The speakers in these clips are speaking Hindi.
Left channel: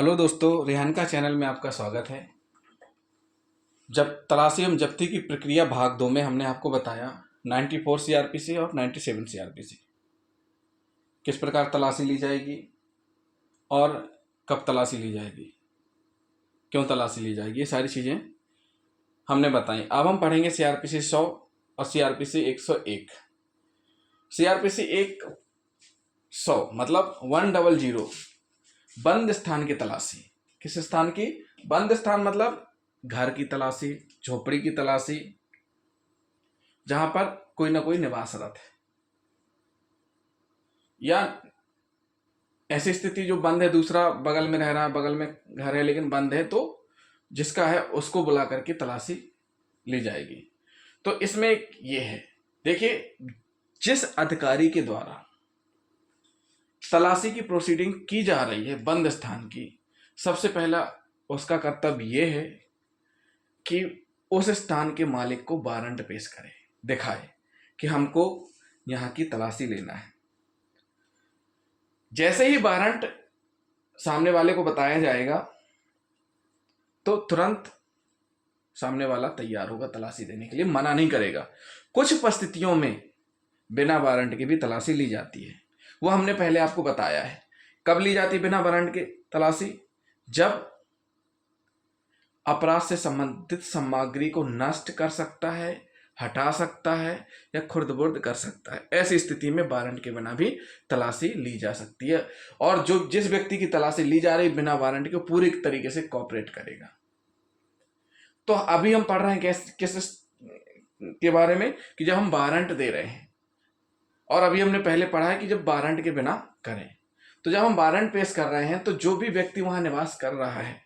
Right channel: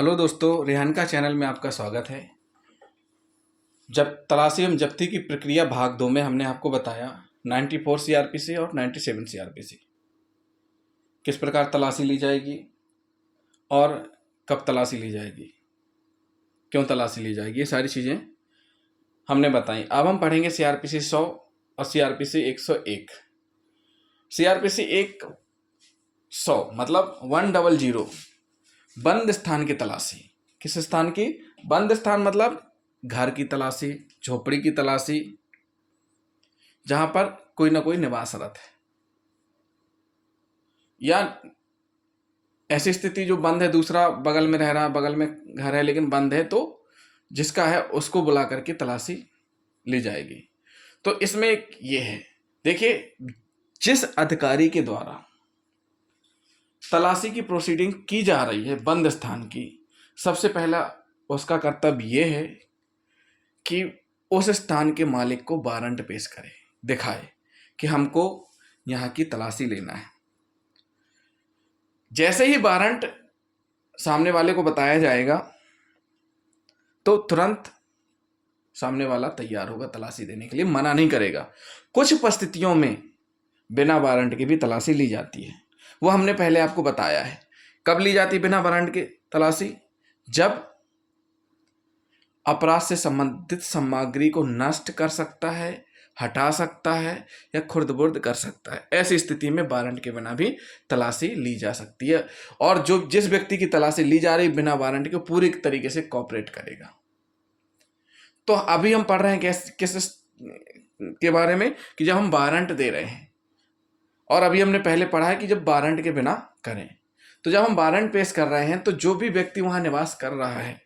हेलो दोस्तों, रेहान का चैनल में आपका स्वागत है। जब तलाशी एवं जब्ती की प्रक्रिया भाग 2 में हमने आपको बताया 94 सीआरपीसी और 97 सीआरपीसी किस प्रकार तलाशी ली जाएगी और कब तलाशी ली जाएगी, क्यों तलाशी ली जाएगी, ये सारी चीज़ें हमने बताई। अब हम पढ़ेंगे सीआरपीसी 100 और सीआरपीसी 101। सीआरपीसी 100 मतलब 100 बंद स्थान की तलाशी। किस स्थान की? बंद स्थान मतलब घर की तलाशी, झोपड़ी की तलाशी, जहां पर कोई ना कोई निवासरत है, या ऐसी स्थिति जो बंद है, दूसरा बगल में रह रहा है, बगल में घर है लेकिन बंद है, तो जिसका है उसको बुला करके तलाशी ली जाएगी। तो इसमें एक ये है, देखिए, जिस अधिकारी के द्वारा तलाशी की प्रोसीडिंग की जा रही है बंद स्थान की, सबसे पहला उसका कर्तव्य यह है कि उस स्थान के मालिक को वारंट पेश करे, दिखाए कि हमको यहाँ की तलाशी लेना है। जैसे ही वारंट सामने वाले को बताया जाएगा तो तुरंत सामने वाला तैयार होगा तलाशी देने के लिए, मना नहीं करेगा। कुछ परिस्थितियों में बिना वारंट के भी तलाशी ली जाती है, वो हमने पहले आपको बताया है। कब ली जाती है बिना वारंट के तलाशी? जब अपराध से संबंधित सामग्री को नष्ट कर सकता है, हटा सकता है या खुर्द-बुर्द कर सकता है। ऐसी स्थिति में वारंट के बिना भी तलाशी ली जा सकती है, और जो जिस व्यक्ति की तलाशी ली जा रही बिना वारंट के पूरी तरीके से कोऑपरेट करेगा। तो अभी हम पढ़ रहे हैं किस के बारे में कि जब हम वारंट दे रहे हैं, और अभी हमने पहले पढ़ा है कि जब वारंट के बिना करें। तो जब हम वारंट पेश कर रहे हैं तो जो भी व्यक्ति वहां निवास कर रहा है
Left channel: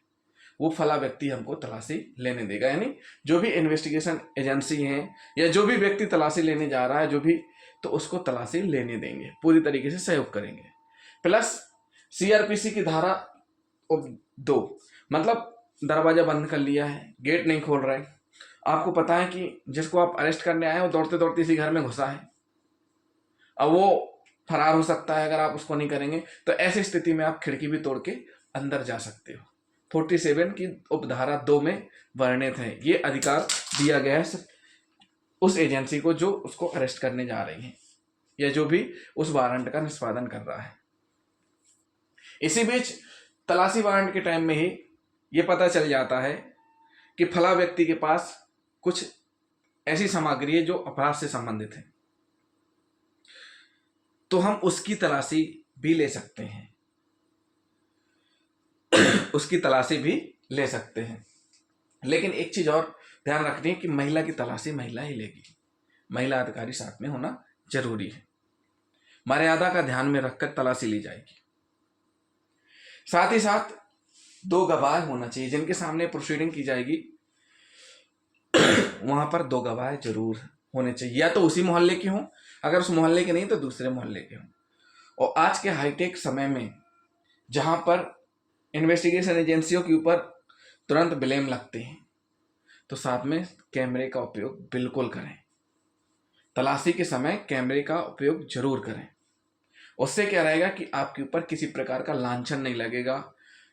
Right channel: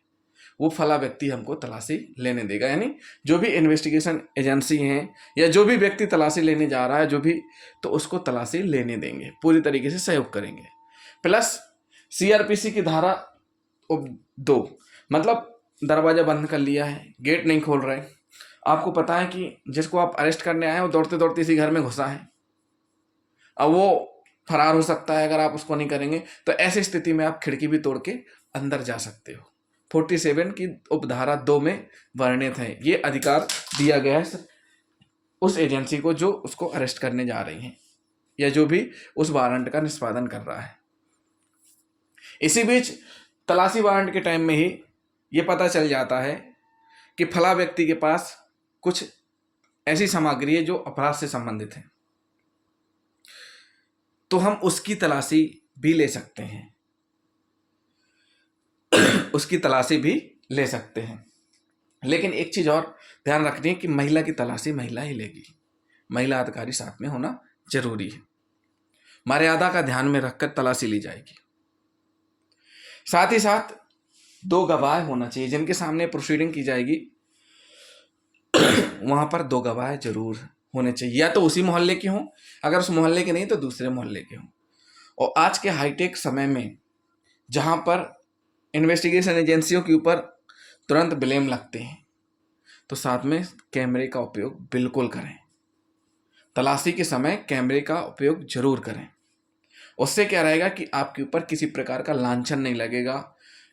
वो फला व्यक्ति हमको तलाशी लेने देगा, यानी जो भी इन्वेस्टिगेशन एजेंसी है या जो भी व्यक्ति तलाशी लेने जा रहा है, जो भी, तो उसको तलाशी लेने देंगे, पूरी तरीके से सहयोग करेंगे। प्लस सीआरपीसी की धारा 2 मतलब दरवाजा बंद कर लिया है, गेट नहीं खोल रहे, आपको पता है कि जिसको आप अरेस्ट करने आए हो दौड़ते दौड़ते इसी घर में घुसा है, अब वो फरार हो सकता है अगर आप उसको नहीं करेंगे। तो ऐसी स्थिति में आप खिड़की भी तोड़ के अंदर जा सकते हो। 47 की उपधारा 2 में वर्णित है, ये अधिकार दिया गया है उस एजेंसी को जो उसको अरेस्ट करने जा रही है या जो भी उस वारंट का निष्पादन कर रहा है। इसी बीच तलाशी वारंट के टाइम में ही ये पता चल जाता है कि फला व्यक्ति के पास कुछ ऐसी सामग्री है जो अपराध से संबंधित है, तो हम उसकी तलाशी भी ले सकते हैं उसकी तलाशी भी ले सकते हैं। लेकिन एक चीज और ध्यान रखनी है कि महिला की तलाशी महिला ही लेगी, महिला अधिकारी साथ में होना जरूरी है। मर्यादा का ध्यान में रखकर तलाशी ली जाएगी। साथ ही साथ 2 गवाह होना चाहिए जिनके सामने प्रोसीडिंग की जाएगी। वहां पर 2 गवाह जरूर होने चाहिए, या तो उसी मोहल्ले के हों, अगर उस मोहल्ले के नहीं तो दूसरे मोहल्ले के हों। और आज के हाईटेक समय में जहां पर इन्वेस्टिगेशन एजेंसियों के ऊपर तुरंत ब्लेम लगते हैं, तो साथ में कैमरे का उपयोग बिल्कुल करें। तलाशी के समय कैमरे का उपयोग जरूर करें। उससे क्या रहेगा कि आपके ऊपर किसी प्रकार का लांछन नहीं लगेगा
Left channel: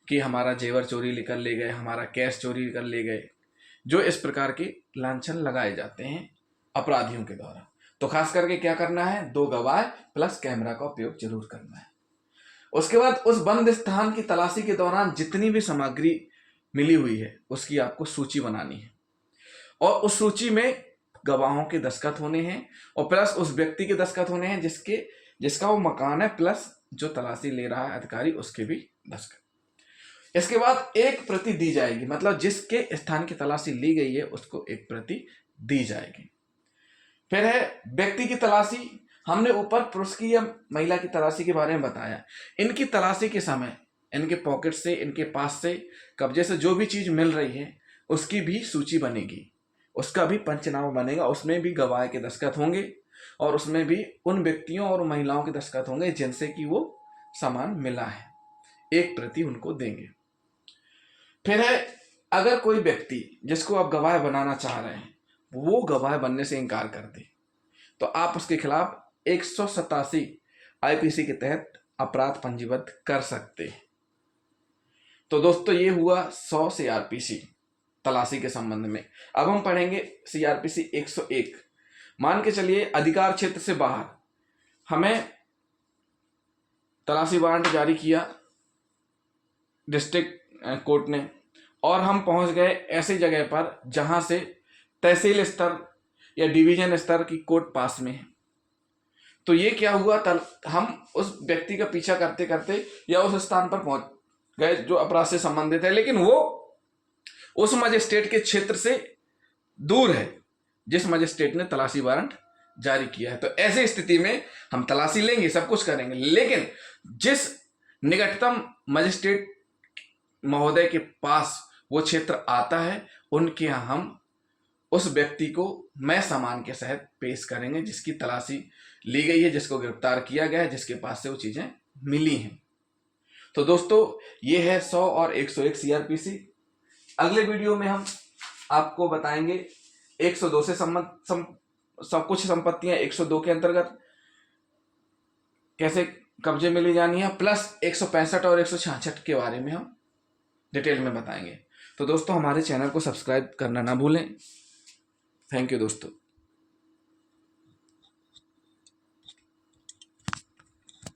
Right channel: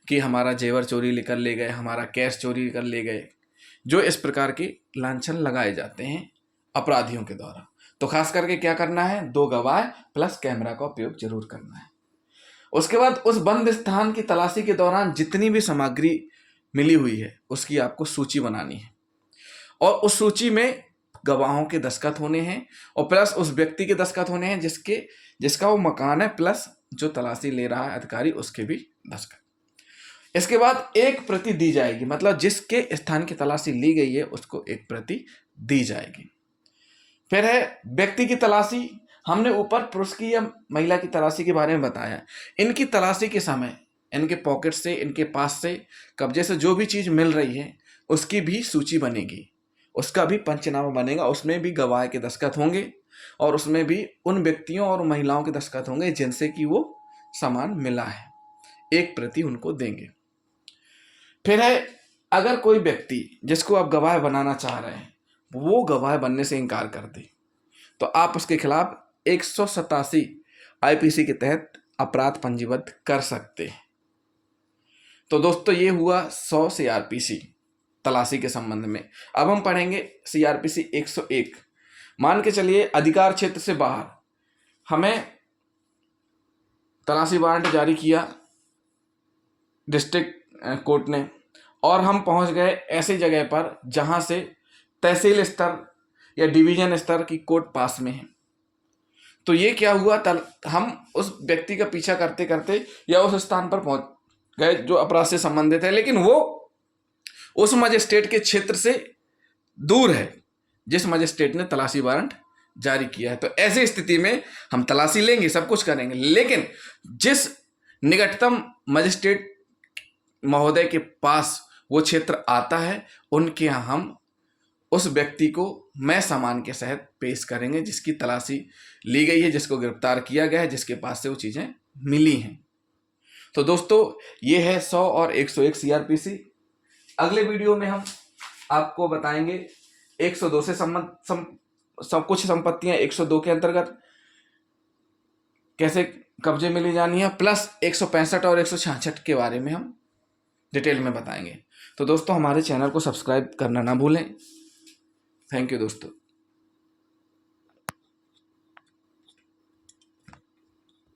कि हमारा जेवर चोरी लेकर ले गए, हमारा कैश चोरी कर ले गए, जो इस प्रकार के लांछन लगाए जाते हैं अपराधियों के द्वारा। तो खास करके क्या करना है, 2 गवाह प्लस कैमरा का उपयोग जरूर करना है। उसके बाद उस बंद स्थान की तलाशी के दौरान जितनी भी सामग्री मिली हुई है उसकी आपको सूची बनानी है, और उस सूची में गवाहों के दस्तखत होने हैं और प्लस उस व्यक्ति के दस्तखत होने हैं जिसका वो मकान है, प्लस जो तलाशी ले रहा है अधिकारी उसके भी दस्तखत। इसके बाद एक प्रति दी जाएगी, मतलब जिसके स्थान की तलाशी ली गई है उसको एक प्रति दी जाएगी। फिर है व्यक्ति की तलाशी। हमने ऊपर पुरुष की या महिला की तलाशी के बारे में बताया। इनकी तलाशी के समय इनके पॉकेट से, इनके पास से, कब्जे से जो भी चीज मिल रही है उसकी भी सूची बनेगी, उसका भी पंचनामा बनेगा, उसमें भी गवाह के दस्तखत होंगे और उसमें भी उन व्यक्तियों और महिलाओं के दस्तखत होंगे जिनसे कि वो सामान मिला है, एक प्रति उनको देंगे। फिर है अगर कोई व्यक्ति जिसको आप गवाह बनाना चाह रहे हैं वो गवाह बनने से इनकार कर दे तो आप उसके खिलाफ 187 आईपीसी के तहत अपराध पंजीबद्ध कर सकते हैं। तो दोस्तों ये हुआ 100 CRPC तलाशी के संबंध में। अब हम पढ़ेंगे CRPC 101। मान के चलिए अधिकार क्षेत्र से बाहर हमें तलाशी वारंट जारी किया डिस्ट्रिक्ट कोर्ट ने, और हम पहुंच गए ऐसी जगह पर जहां से तहसील स्तर या डिवीजन स्तर की कोर्ट पास में है। तो ये क्या हुआ, हम उस व्यक्ति का पीछा करते करते या उस स्थान पर पहुंच गए जो अपराध से संबंधित है, लेकिन वो उस मजिस्ट्रेट के क्षेत्र से दूर है जिस मजिस्ट्रेट ने तलाशी वारंट जारी किया है। तो ऐसी स्थिति में हम तलाशी लेंगे, सब कुछ करेंगे, लेकिन जिस निकटतम मजिस्ट्रेट महोदय के पास वो क्षेत्र आता है उनके यहाँ हम उस व्यक्ति को मैं सामान के सहित पेश करेंगे जिसकी तलाशी ली गई है, जिसको गिरफ्तार किया गया है, जिसके पास से वो चीज़ें मिली हैं। तो दोस्तों ये है 100 और 101 CRPC। अगले वीडियो में हम आपको बताएंगे 102 से सब कुछ संपत्तियां 102 के अंतर्गत कैसे कब्जे में ली जानी है, प्लस 165 और 166 के बारे में हम डिटेल में बताएंगे। तो दोस्तों हमारे चैनल को सब्सक्राइब करना ना भूलें। थैंक यू दोस्तों।